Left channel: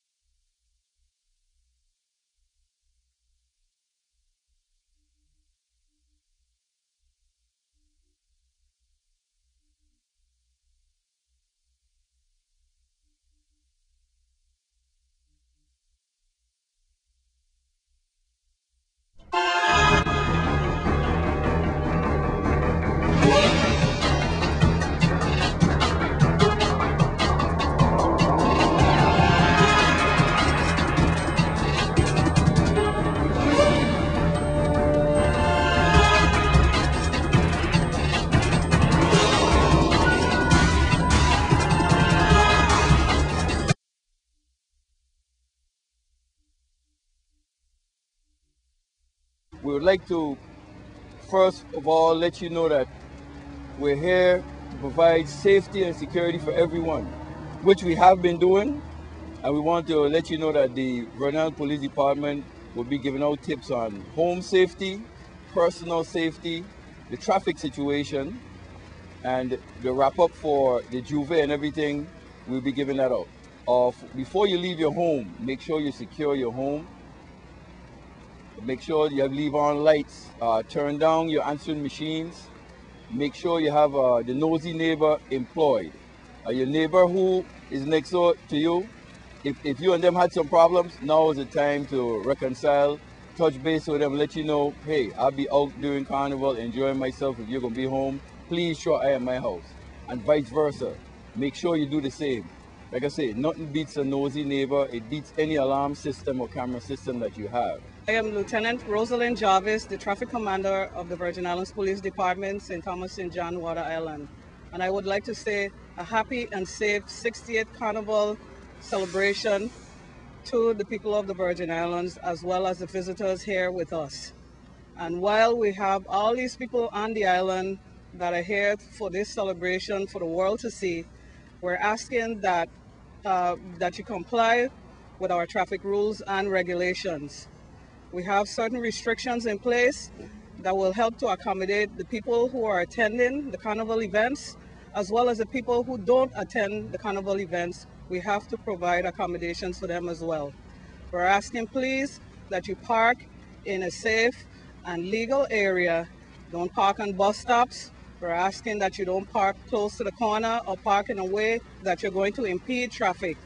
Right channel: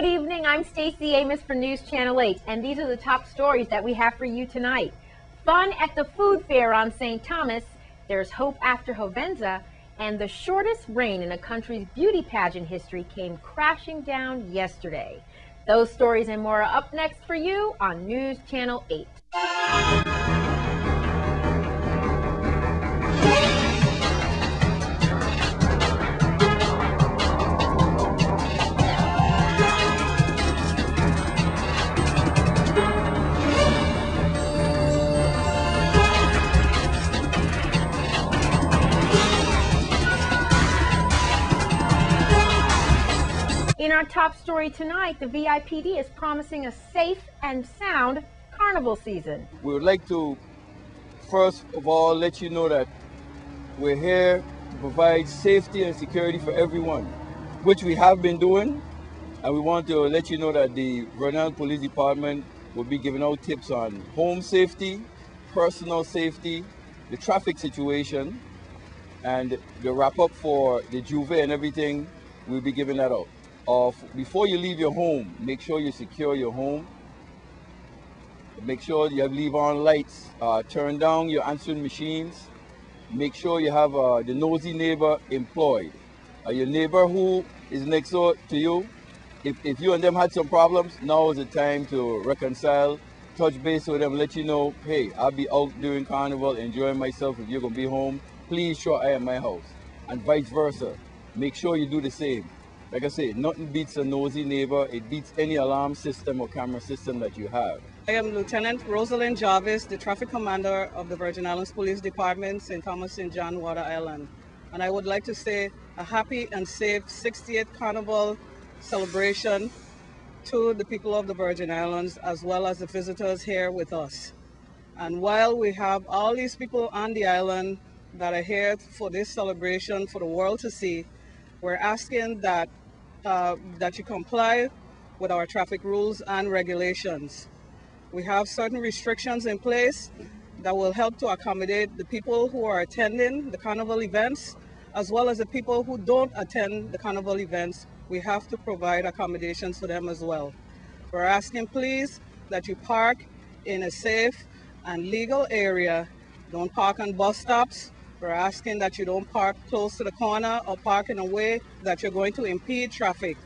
Good evening. I'm Stacey Amos for News Channel 8, and these are the top stories that we have for you tonight. Fun at the food fair on St. Thomas, there's hope after Hovenza, and the shortest reign in a country's beauty pageant history came crashing down yesterday. Those stories and more are up next for you on News Channel 8. In our top story tonight, the VIPD is promising a safe and sound carnival season. We would like to, first of all, let you know that we're here to provide safety and security for everyone, which we have been doing. And we want to let you know that the Vernon Police Department will be giving out tips on home safety, personal safety, the traffic situation, and the wrap up for the Juve and everything. We'll be giving that out. Before you leave your home, make sure you secure your home. Make sure you have leave-on lights. Turn down your answering machines. Make sure you have the nosy neighbor employed. Your neighbor who is next door to you, if you and them had some problems, now is the time to reconcile, touch base with them, let you know, hey, I'll be out during Carnival, enjoying myself. If you're going to be home, please show I at my house. And vice versa. Make sure you do the same. Like I say, nothing beats a nosy neighbor. It beats any alarm system or camera system that you have. I am Lieutenant Rosalind Jarvis, the Traffic Commander of the Virgin Islands Police Department, St. Thomas St. John, Water Island. And I would like to say a happy and safe 68th Carnival celebration to the people of the Virgin Islands, as well as the visitors here with us. And while we have all these people on the island that are here for this celebration for the world to see, we're asking that you comply with our traffic rules and regulations. We have certain restrictions in place that will help to accommodate the people who are attending the carnival events, as well as the people who don't attend the carnival events. We have to provide accommodations for them as well. We're asking, please, that you park in a safe and legal area. Don't park on bus stops. We're asking that you don't park close to the corner or park in a way that you're going to impede traffic.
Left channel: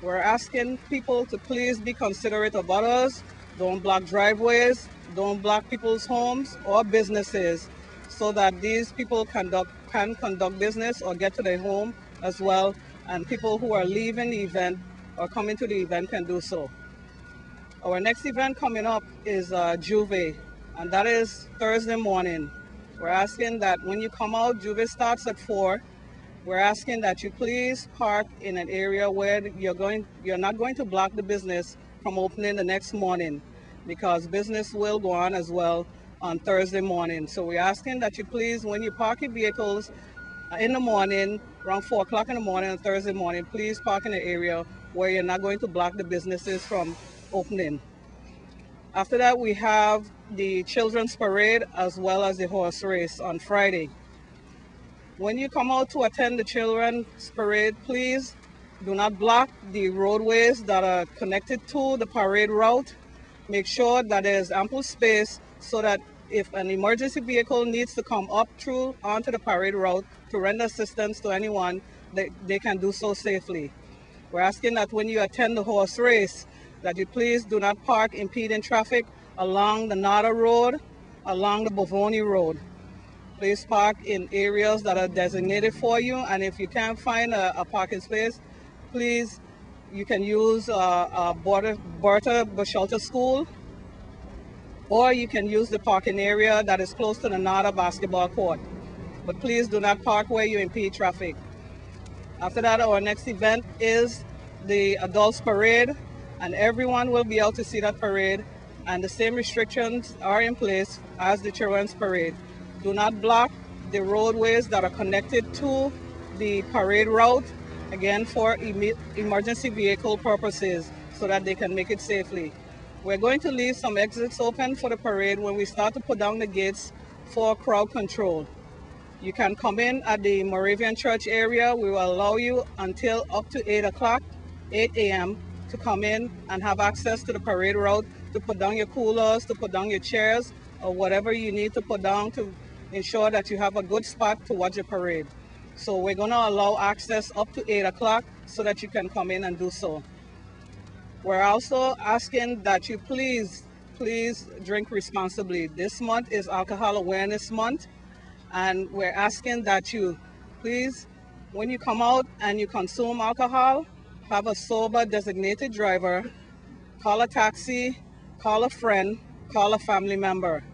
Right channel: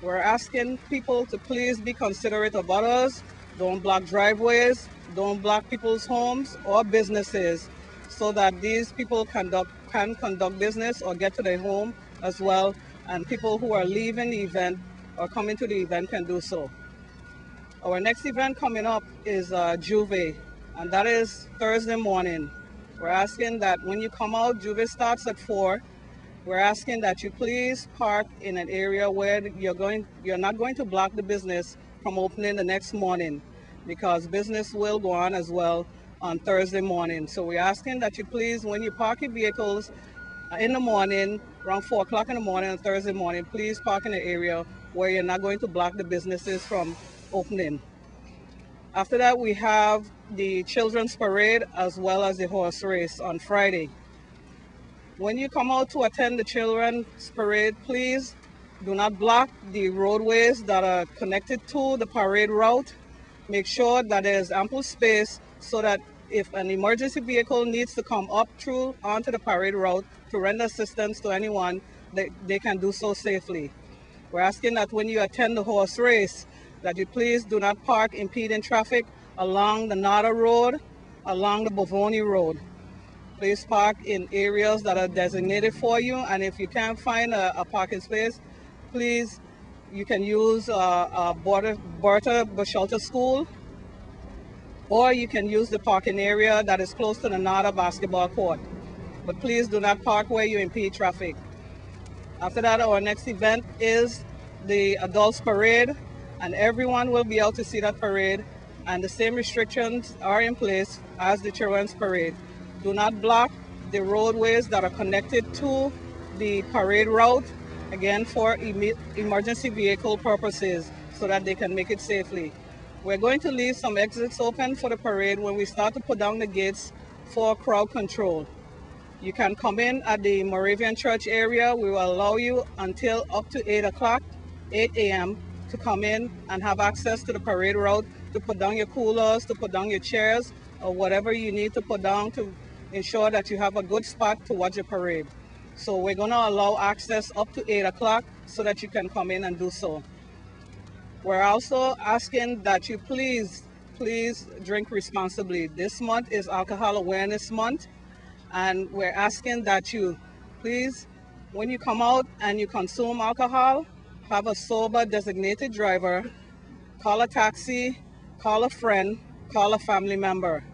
We're asking people to please be considerate of others. Don't block driveways, don't block people's homes or businesses, so that these people can conduct business or get to their home as well, and people who are leaving the event or coming to the event can do so. Our next event coming up is Juve, and that is Thursday morning. We're asking that when you come out, Juve starts at 4. We're asking that you please park in an area where you're not going to block the business from opening the next morning, because business will go on as well on Thursday morning. So we're asking that you please, when you park your vehicles in the morning, around 4 o'clock in the morning on Thursday morning, please park in an area where you're not going to block the businesses from opening. After that, we have the children's parade as well as the horse race on Friday. When you come out to attend the children's parade, please do not block the roadways that are connected to the parade route. Make sure that there's ample space so that if an emergency vehicle needs to come up through onto the parade route to render assistance to anyone, they can do so safely. We're asking that when you attend the horse race, that you please do not park impeding traffic along the Nada Road, along the Bovoni Road. Please park in areas that are designated for you, and if you can't find a parking space, please, you can use Bertha Bachelta School, or you can use the parking area that is close to the Nada basketball court. But please do not park where you impede traffic. After that, our next event is the Adults Parade, and everyone will be able to see that parade, and the same restrictions are in place as the Children's Parade. Do not block the roadways that are connected to the parade route, again for emergency vehicle purposes, so that they can make it safely. We're going to leave some exits open for the parade when we start to put down the gates for crowd control. You can come in at the Moravian Church area. We will allow you until up to 8 a.m. to come in and have access to the parade route, to put down your coolers, to put down your chairs, or whatever you need to put down to ensure that you have a good spot to watch the parade. So we're going to allow access up to 8 o'clock so that you can come in and do so. We're also asking that you please drink responsibly. This month is Alcohol Awareness Month, and we're asking that you please, when you come out and you consume alcohol, have a sober designated driver, call a taxi, call a friend, call a family member.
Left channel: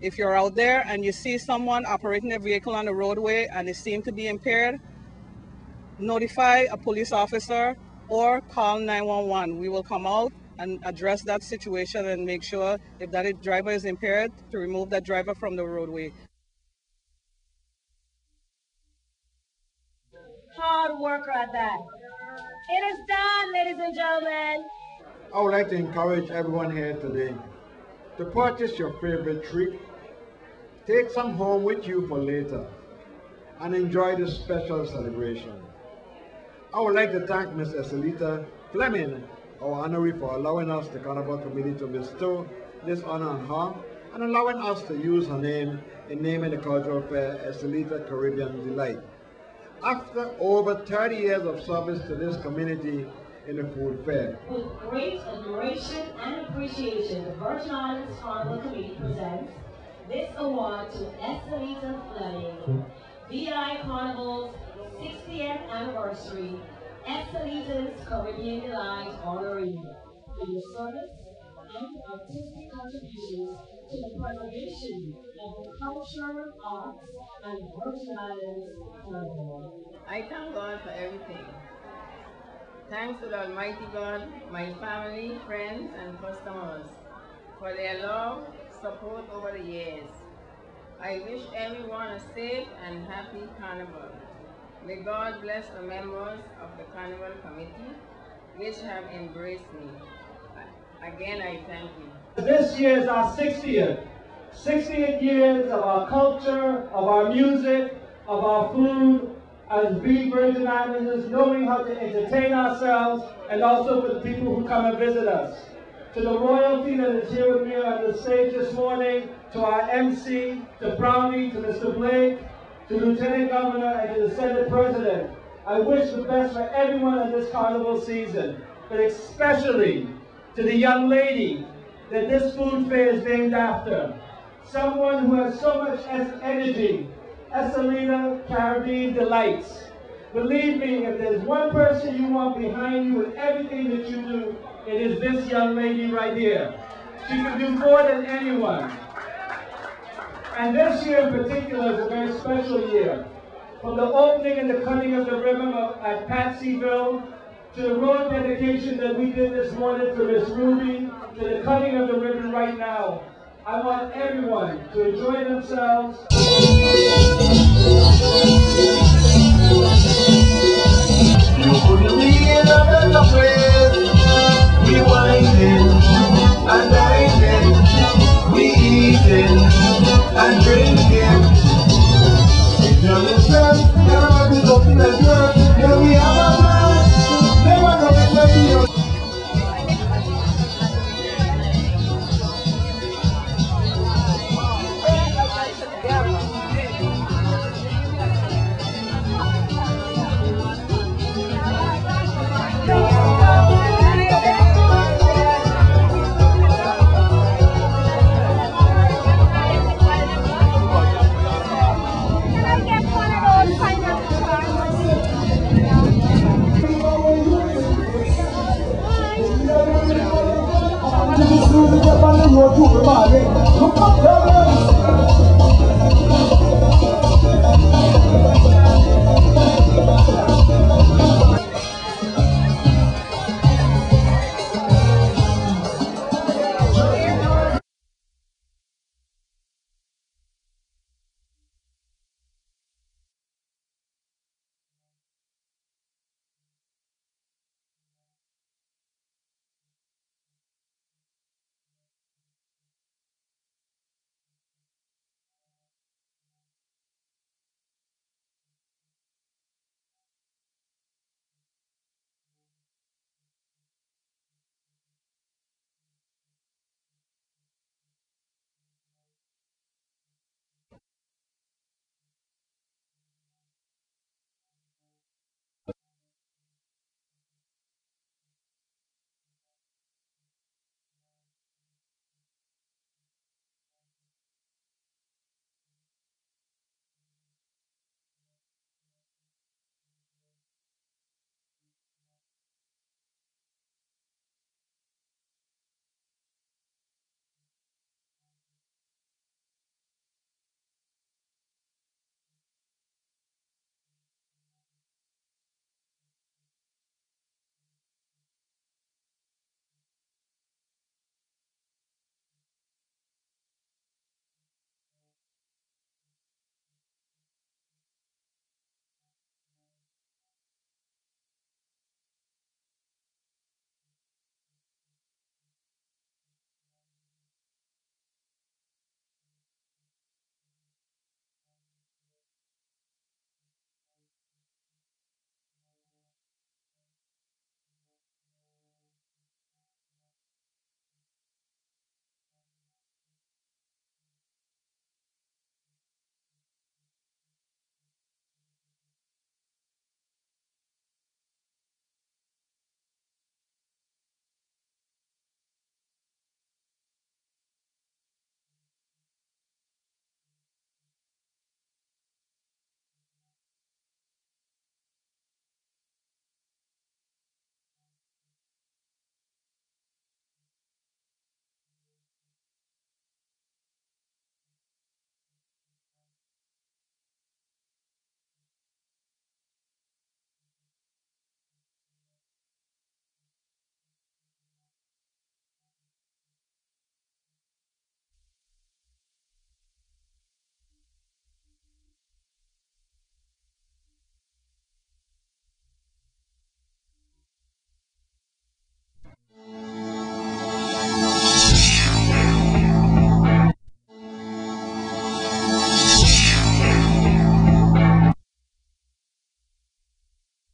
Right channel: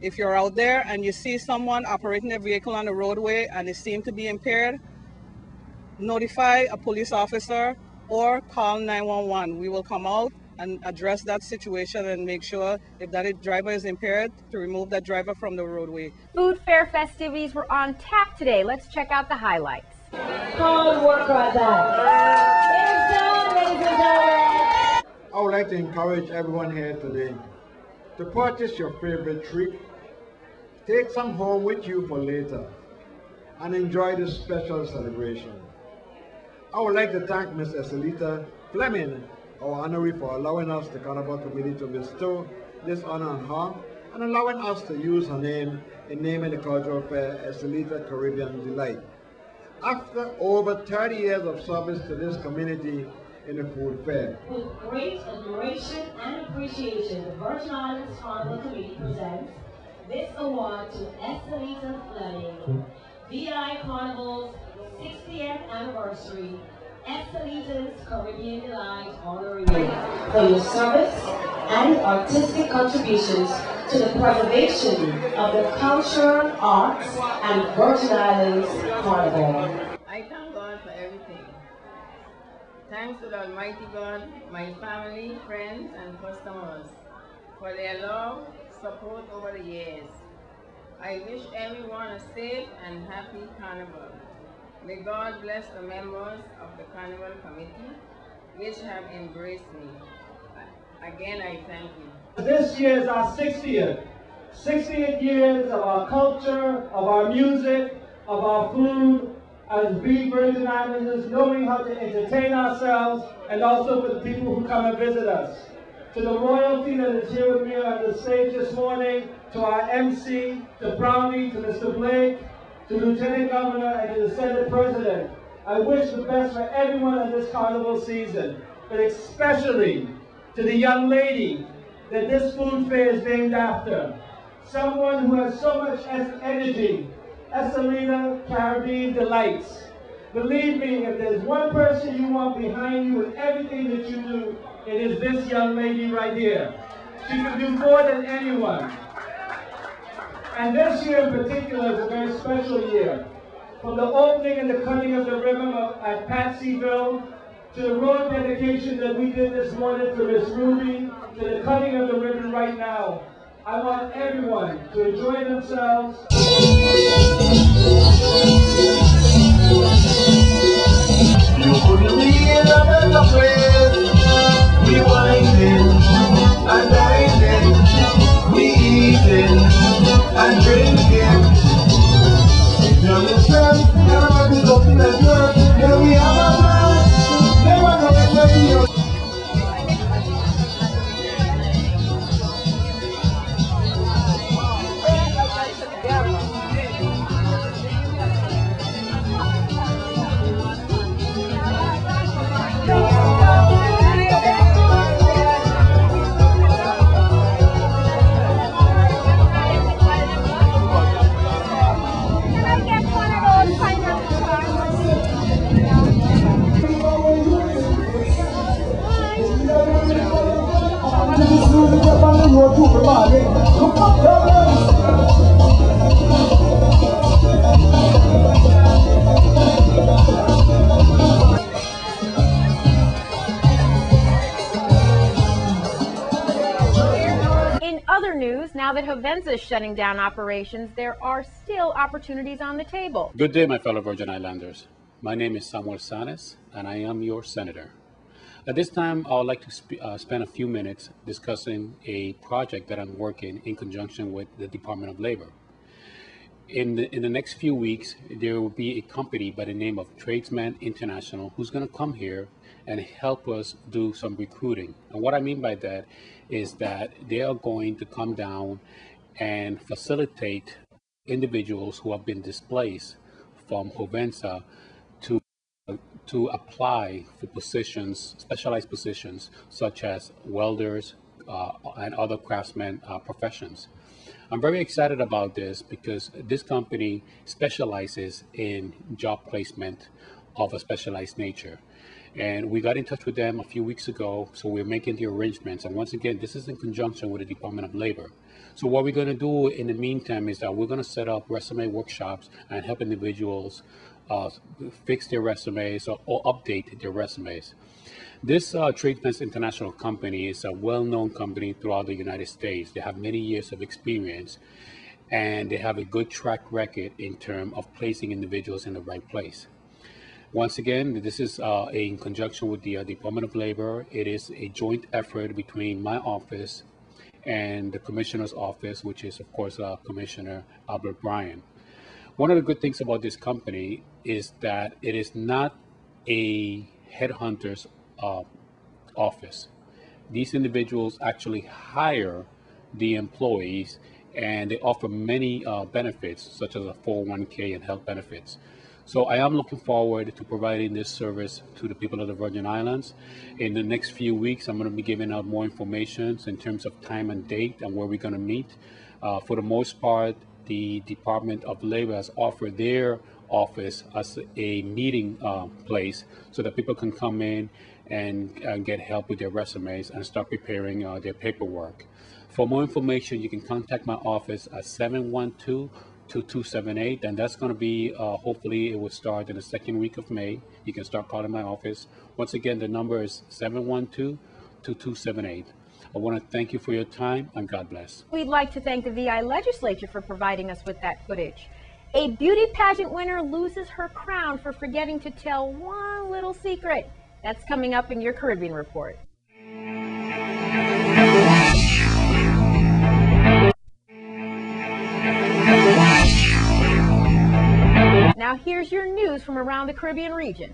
If you're out there and you see someone operating a vehicle on the roadway and they seem to be impaired, notify a police officer or call 911. We will come out and address that situation and make sure if that driver is impaired to remove that driver from the roadway. Food fair festivities were on tap today. Let's check out the highlights. Hard work right there. It's done, ladies and gentlemen. I would like to encourage everyone here today to purchase your favorite treat, take some home with you for later, and enjoy this special celebration. I would like to thank Ms. Estelita Fleming, our honoree, for allowing us, the Carnival Committee, to bestow this honor on her and allowing us to use her name in naming the cultural fair Estelita Caribbean Delight. After over 30 years of service to this community in the food fair. With great admiration and appreciation, the Virgin Islands Carnival Committee presents this award to Estelita Fleming, VI Carnival's 60th anniversary, Estelita's Caribbean Delight honoree, for your service and artistic contributions to the preservation of the culture, arts, and Virgin Islands Carnival. I thank God for everything. Thanks to the Almighty God, my family, friends, and customers for their love, support over the years. I wish everyone a safe and happy Carnival. May God bless the members of the Carnival Committee, which have embraced me. Again, I thank you. This year is our 60th years of our culture, of our music, of our food, as being Virgin Islanders, knowing how to entertain ourselves, and also for the people who come and visit us. To the royalty that is here with me on the stage this morning, to our MC, to Brownie, to Mr. Blake, to Lieutenant Governor, and to the Senate President, I wish the best for everyone in this carnival season, but especially to the young lady that this food fair is named after. Someone who has so much energy, Estelita Caribbean Delights. Believe me, if there's one person you want behind you in everything that you do, it is this young lady right here. She can do more than anyone. And this year in particular is a very special year. From the opening and the cutting of the ribbon at Patsyville, to the road dedication that we did this morning for Miss Ruby, to the cutting of the ribbon right now, I want everyone to enjoy themselves. You couldn't be in a better place. We winding and dining, we eating and drinking. You understand? Everybody's looking at you. Here we have a man. Never know it to you. In other news, now that Hovenza is shutting down operations, there are still opportunities on the table. Good day, my fellow Virgin Islanders. My name is Samuel Sanes, and I am your senator. At this time, I would like to spend a few minutes discussing a project that I'm working in conjunction with the Department of Labor. In the next few weeks, there will be a company by the name of Tradesman International who's going to come here and help us do some recruiting. And what I mean by that is that they are going to come down and facilitate individuals who have been displaced from Jovenza to apply for positions, specialized positions, such as welders and other craftsmen professions. I'm very excited about this because this company specializes in job placement of a specialized nature. And we got in touch with them a few weeks ago, so we're making the arrangements. And once again, this is in conjunction with the Department of Labor. So what we're going to do in the meantime is that we're going to set up resume workshops and help individuals fix their resumes or update their resumes. This Tradefence International company is a well-known company throughout the United States. They have many years of experience, and they have a good track record in terms of placing individuals in the right place. Once again, this is in conjunction with the Department of Labor. It is a joint effort between my office and the Commissioner's office, which is, of course, Commissioner Albert Bryan. One of the good things about this company is that it is not a headhunter's office. These individuals actually hire the employees, and they offer many benefits, such as a 401k and health benefits. So I am looking forward to providing this service to the people of the Virgin Islands. In the next few weeks, I'm going to be giving out more information in terms of time and date and where we're going to meet. For the most part, the Department of Labor has offered their office as a meeting place so that people can come in and get help with their resumes and start preparing their paperwork. For more information, you can contact my office at 712-2278, and that's going to be, hopefully it will start in the second week of May. You can start calling my office. Once again, the number is 712-2278. I want to thank you for your time, and God bless. We'd like to thank the VI Legislature for providing us with that footage. A beauty pageant winner loses her crown for forgetting to tell one little secret. That's coming up in your Caribbean Report. Now here's your news from around the Caribbean region.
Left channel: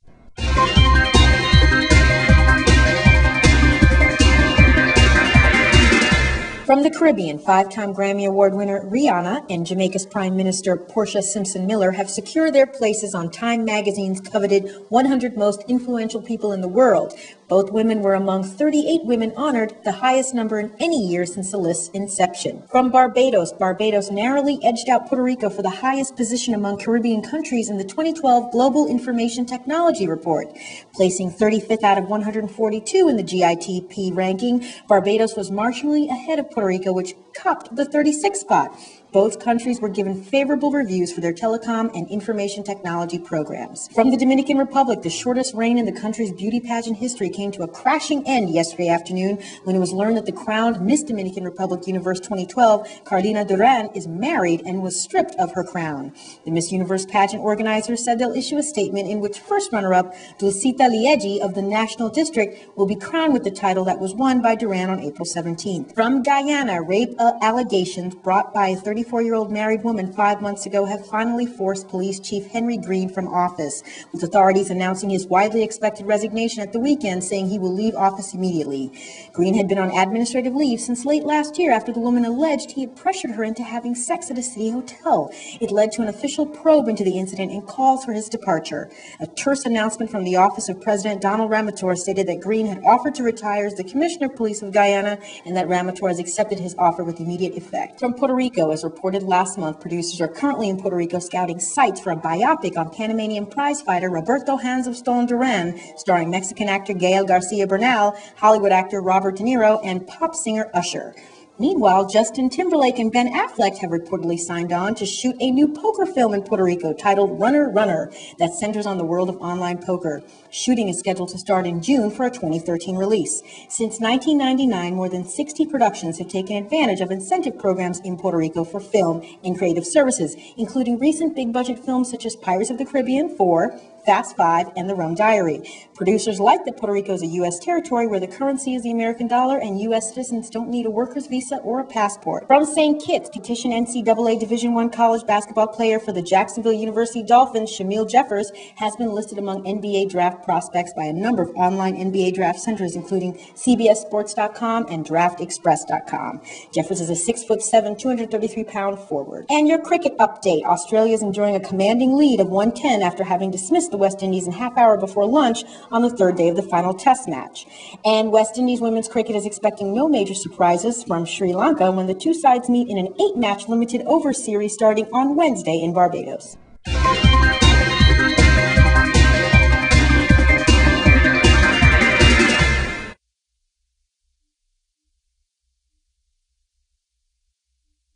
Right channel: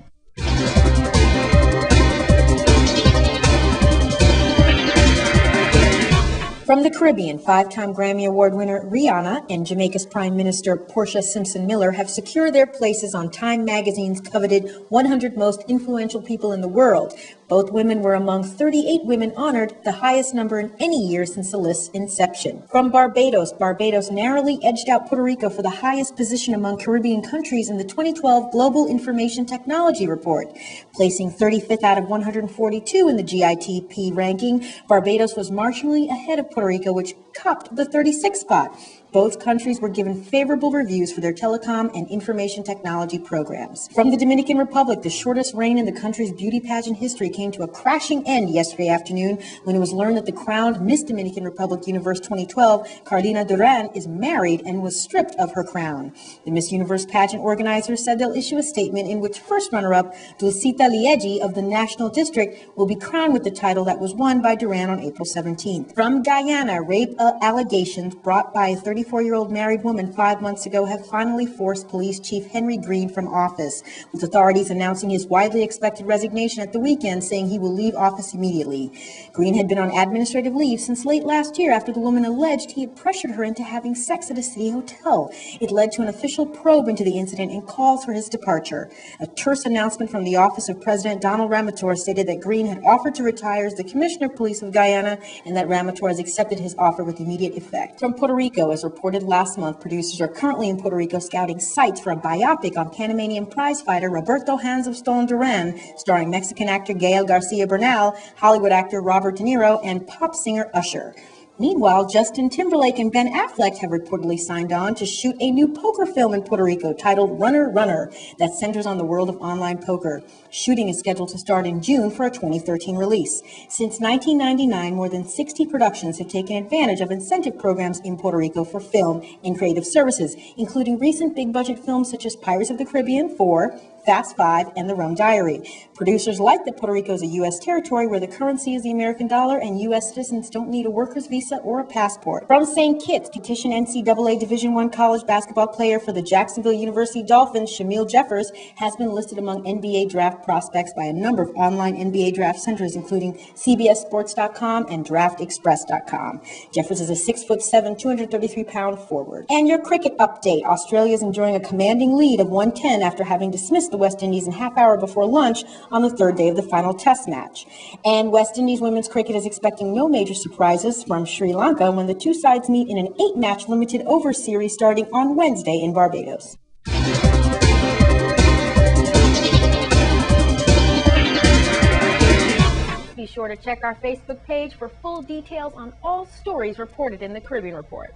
From the Caribbean, 5-time Grammy Award winner Rihanna and Jamaica's Prime Minister Portia Simpson Miller have secured their places on Time magazine's coveted 100 most influential people in the world. Both women were among 38 women honored, the highest number in any year since the list's inception. From Barbados, Barbados narrowly edged out Puerto Rico for the highest position among Caribbean countries in the 2012 Global Information Technology Report. Placing 35th out of 142 in the GITP ranking, Barbados was marginally ahead of Puerto Rico, which topped the 36th spot. Both countries were given favorable reviews for their telecom and information technology programs. From the Dominican Republic, the shortest reign in the country's beauty pageant history came to a crashing end yesterday afternoon when it was learned that the crowned Miss Dominican Republic Universe 2012, Carolina Duran, is married and was stripped of her crown. The Miss Universe pageant organizers said they'll issue a statement in which first runner-up Dulcita Liegi of the National District will be crowned with the title that was won by Duran on April 17th. From Guyana, rape allegations brought by a 34-year-old married woman 5 months ago have finally forced Police Chief Henry Green from office, with authorities announcing his widely expected resignation at the weekend, saying he will leave office immediately. Green had been on administrative leave since late last year after the woman alleged he had pressured her into having sex at a city hotel. It led to an official probe into the incident and calls for his departure. A terse announcement from the office of President Donald Ramator stated that Green had offered to retire as the Commissioner of Police of Guyana and that Ramator has accepted his offer with immediate effect. From Puerto Rico, as reported last month, producers are currently in Puerto Rico scouting sites for a biopic on Panamanian prizefighter Roberto Hands of Stone Duran, starring Mexican actor Gael Garcia Bernal, Hollywood actor Robert De Niro, and pop singer Usher. Meanwhile, Justin Timberlake and Ben Affleck have reportedly signed on to shoot a new poker film in Puerto Rico titled Runner, Runner that centers on the world of online poker. Shooting is scheduled to start in June for a 2013 release. Since 1999, more than 60 productions have taken advantage of incentive programs in Puerto Rico for film and creative services, including recent big-budget films such as Pirates of the Caribbean 4, Fast Five, and The Rum Diary. Producers like that Puerto Rico is a U.S. territory where the currency is the American dollar and U.S. citizens don't need a worker's visa or a passport. From St. Kitts, petition NCAA Division I college basketball player for the Jacksonville University Dolphins, Shamil Jeffers, has been listed among NBA draft prospects by a number of online NBA draft centers, including CBSSports.com and DraftExpress.com. Jeffers is a 6'7", 233-pound forward. And your cricket update. Australia is enjoying a commanding lead of 110 after having dismissed the West Indies in half hour before lunch on the third day of the final test match. And West Indies women's cricket is expecting no major surprises from Sri Lanka when the two sides meet in an 8-match limited over series starting on Wednesday in Barbados. Be sure to check our Facebook page for full details on all stories reported in the Caribbean Report.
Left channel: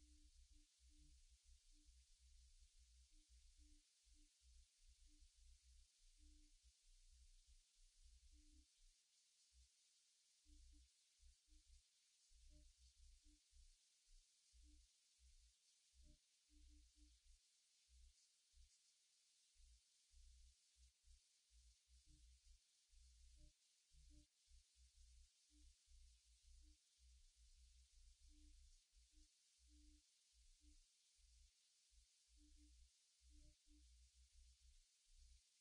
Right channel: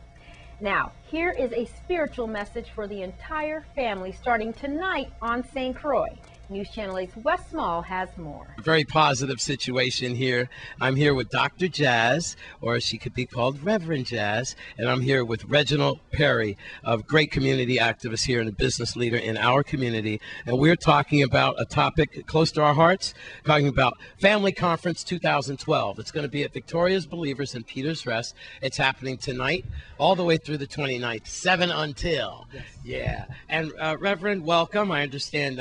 Now, here is a spiritual message for the entire family starting tonight on St. Croix. News Channel 8's Wes Small has more. A very positive situation here. I'm here with Dr. Jazz, or she could be called Reverend Jazz, and I'm here with Reginald Perry, a great community activist here and a business leader in our community. And we're talking about a topic close to our hearts, talking about Family Conference 2012. It's going to be at Victoria's Believers in Peters Rest. It's happening tonight all the way through the 29th, 7 until. Yes. Yeah. And Reverend, welcome. I understand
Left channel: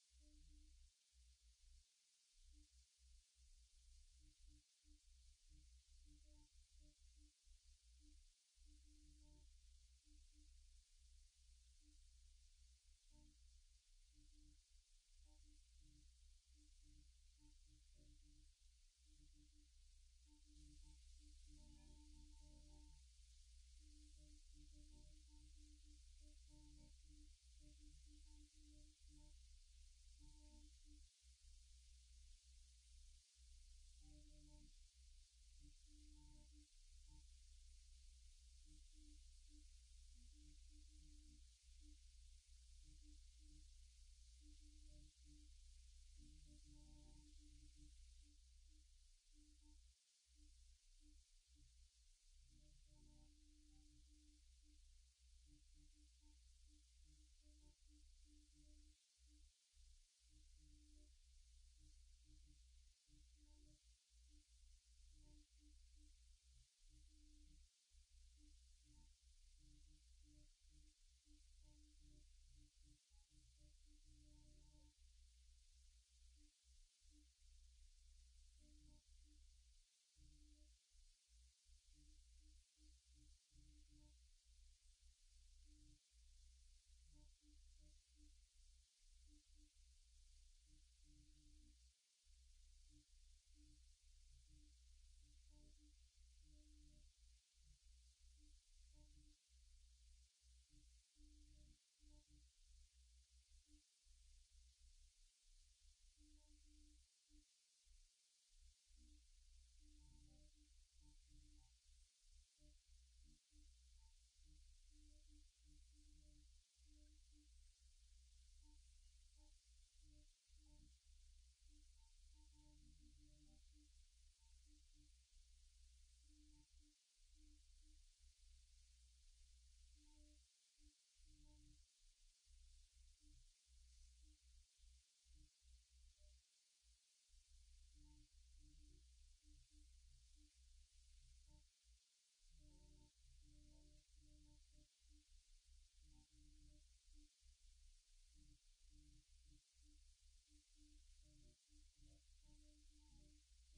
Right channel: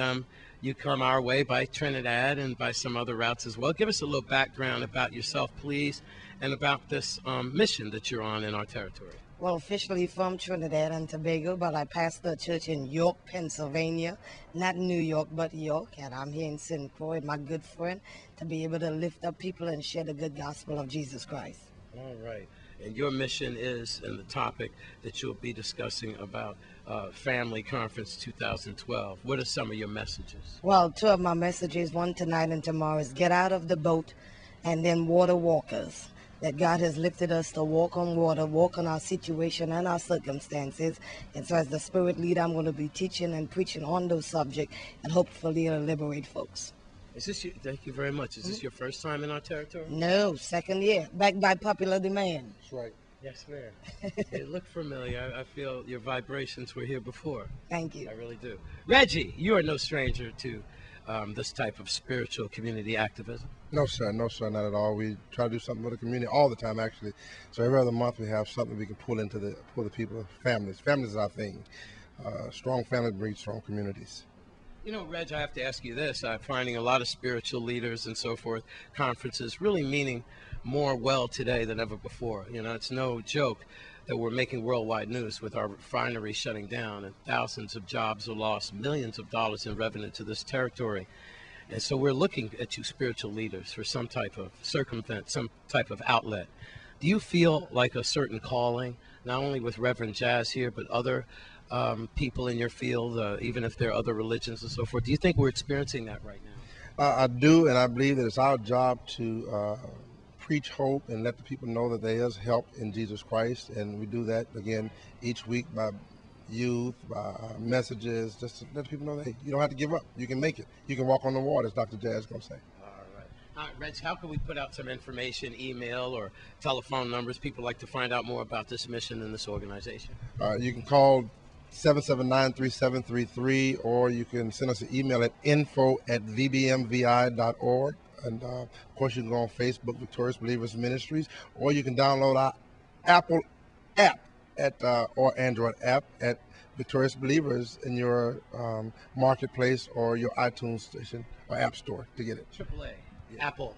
you come our way by Trinidad and by some other routes as well. Give us a little background about yourself, please, and about this mission that you're on in our territory. Well, officially from Trinidad and Tobago, but I pastor a church in York, Pennsylvania, not New York, but York, and I'm here in St. Croix, my good friend, to be able to lift up people and share the good gospel of Jesus Christ. All right. And your mission is, and the topic that you'll be discussing about Family Conference 2012. What are some of your messages? Well, two of my messages, one tonight and tomorrow, is get out of the boat and then water walkers. That God has lifted us to walk on water, walk on our situation and our circumstances. And so as the Spirit leader, I'm going to be teaching and preaching on those subjects, and hopefully it'll liberate folks. Is this thank you very much. Is this your first time in our territory? No, second year, backed by popular demand. That's right. Yes, ma'am. They look familiar. I feel your vibrations were here before. Thank you. I really do. Reggie, you are no stranger to this type of spiritual community activism. No, sir. No, sir. Not at all. We try to do something with the community all the time, actually. So every other month we have something we can pull into pull the people, families. Families is our thing. Strong families breed strong communities. You know, Reg, I have to ask you this. I'm finding a lot of spiritual leaders and so forth, conferences really meaning more well today than ever before. You know, it's no joke that we're making worldwide news with our refinery shutting down and thousands of jobs are lost, millions of dollars in revenue to this territory. And so we're looking at you spiritual leaders for some type of circumvent, some type of outlet. Do you feel like a certain calling, not only with Reverend Jazz here, but other people in your field, even if there are other religions and so forth? Do you think we're experiencing that right now? I do, and I believe that it's our job to preach hope and let the people know that there is help in Jesus Christ. And we do that, again, each week by youth, by messages, just to let people know that, hey, you don't have to give up. You can make it. You can walk on the water, as Dr. Jazz is going to say. All right, Reg, how can we put out some information, email or telephone numbers? People like to find out more about this mission and this organization. You can call 779-3733, or you can send us an email at info@vbmvi.org. And of course, you can go on Facebook, Victorious Believers Ministries, or you can download our Apple app or Android app at Victorious Believers in your marketplace or your iTunes station or app store to get it. AAA, yeah. Apple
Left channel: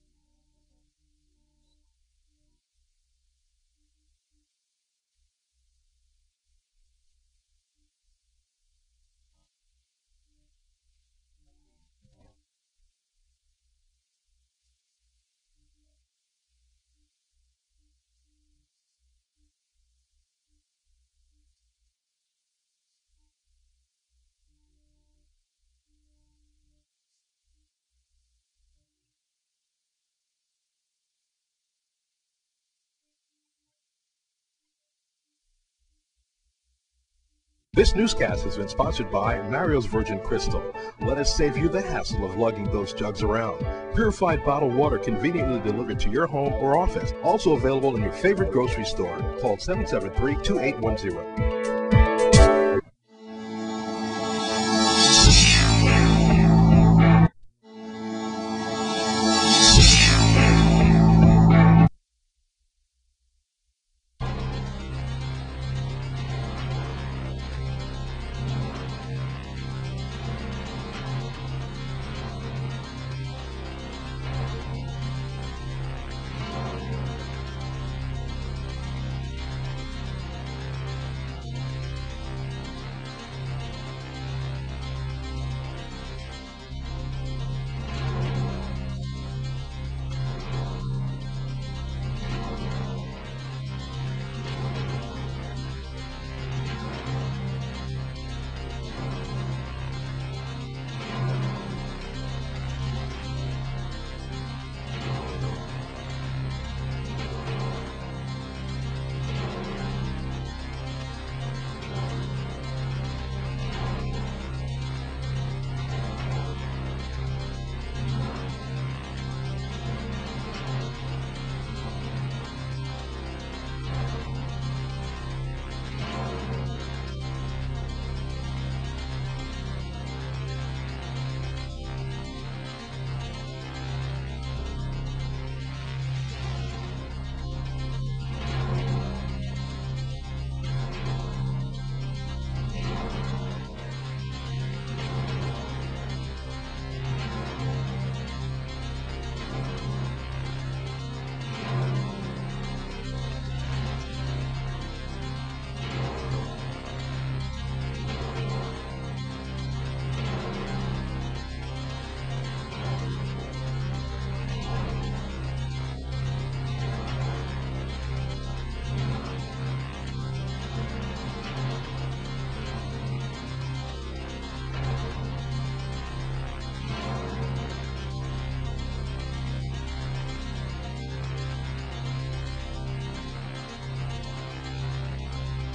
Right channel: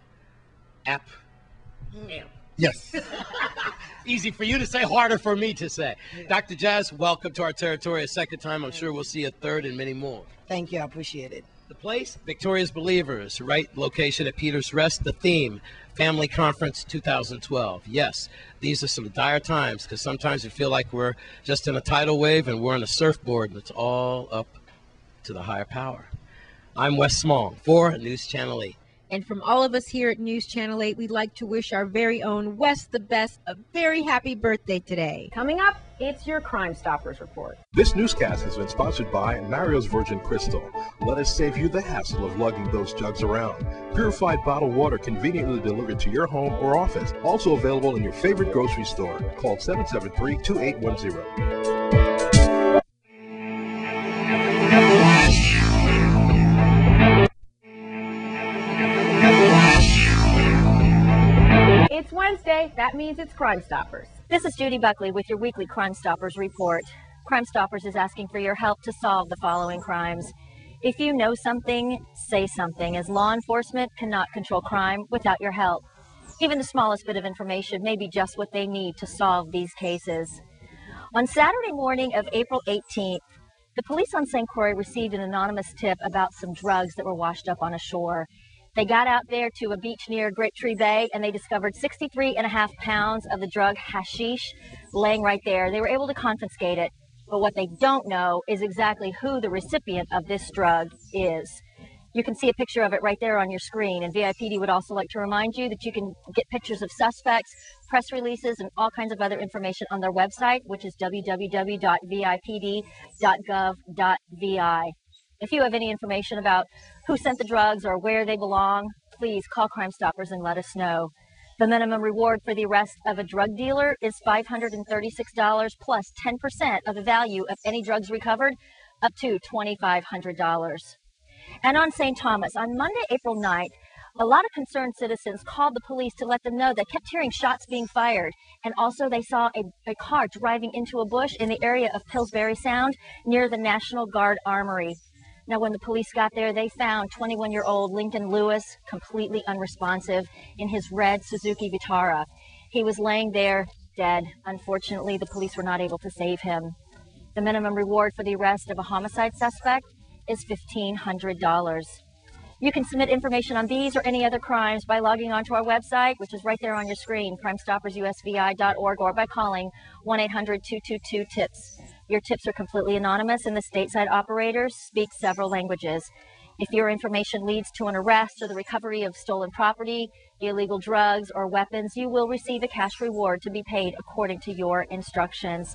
app. Yes. Easy for you to say, harder for me to say. Yeah. Dr. Jazz, welcome to our territory a second time. I'm sure we'll see a third and many more. Thank you. I appreciate it. The place, Victoria's Believers, right location at Peters Rest. The theme, Family Conference 2012. Yes, these are some dire times because sometimes we feel like we're just in a tidal wave and we're on a surfboard and it's all up to the higher power. I'm Wes Small for News Channel 8. And from all of us here at News Channel 8, we'd like to wish our very own Wes the Best a very happy birthday today. Coming up, it's your Crime Stoppers report. This newscast has been sponsored by Mario's Virgin Crystal. Let us save you the hassle of lugging those jugs around. Purified bottled water conveniently delivered to your home or office. Also available in your favorite grocery store. Call 773-2810. It's Wednesday. That means it's Crime Stoppers. This is Judy Buckley with your weekly Crime Stoppers report. Crime Stoppers is asking for your help to solve the following crimes. If you know something, say something, as law enforcement cannot control crime without your help. Even the smallest bit of information may be just what they need to solve these cases. On Saturday morning of April 18th, the police on St. Croix received an anonymous tip about some drugs that were washed up on a shore. They got out there to a beach near Great Tree Bay and they discovered 63.5 pounds of the drug hashish laying right there. They were able to confiscate it, but what they don't know is exactly who the recipient of this drug is. You can see a picture of it right there on your screen, and VIPD would also like to remind you that you can get pictures of suspects, press releases, and all kinds of other information on their website, which is www.vipd.gov.vi. If you have any information about who sent the drugs or where they belong, please call Crime Stoppers and let us know. The minimum reward for the arrest of a drug dealer is $536 plus 10% of the value of any drugs recovered, up to $2,500. And on St. Thomas, on Monday, April 9th, a lot of concerned citizens called the police to let them know they kept hearing shots being fired. And also they saw a car driving into a bush in the area of Pillsbury Sound near the National Guard Armory. Now, when the police got there, they found 21-year-old Lincoln Lewis completely unresponsive in his red Suzuki Vitara. He was laying there dead. Unfortunately, the police were not able to save him. The minimum reward for the arrest of a homicide suspect is $1,500. You can submit information on these or any other crimes by logging onto our website, which is right there on your screen, crimestoppersusvi.org, or by calling 1-800-222-TIPS. Your tips are completely anonymous, and the stateside operators speak several languages. If your information leads to an arrest or the recovery of stolen property, illegal drugs, or weapons, you will receive a cash reward to be paid according to your instructions.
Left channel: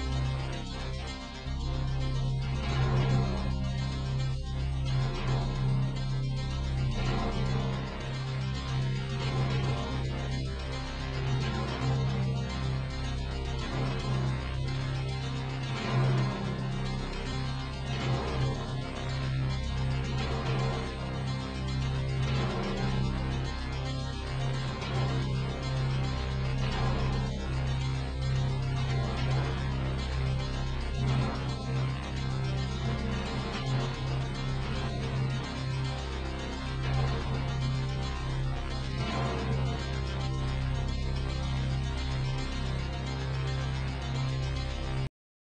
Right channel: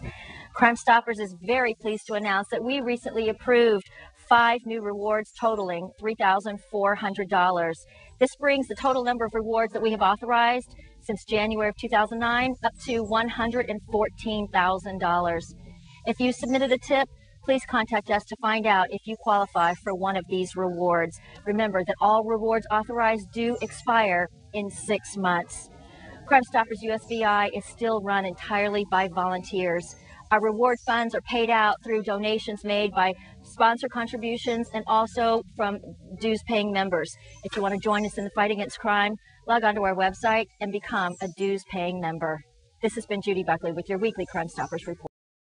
Crime Stoppers is very pleased to announce that we recently approved 5 new rewards totaling $3,400. This brings the total number of rewards that we have authorized since January of 2009 up to $114,000. If you submitted a tip, please contact us to find out if you qualify for one of these rewards. Remember that all rewards authorized do expire in 6 months. Crime Stoppers USVI is still run entirely by volunteers. Our reward funds are paid out through donations made by sponsor contributions and also from dues-paying members. If you want to join us in the fight against crime, log on to our website and become a dues-paying member. This has been Judy Buckley with your weekly Crime Stoppers report.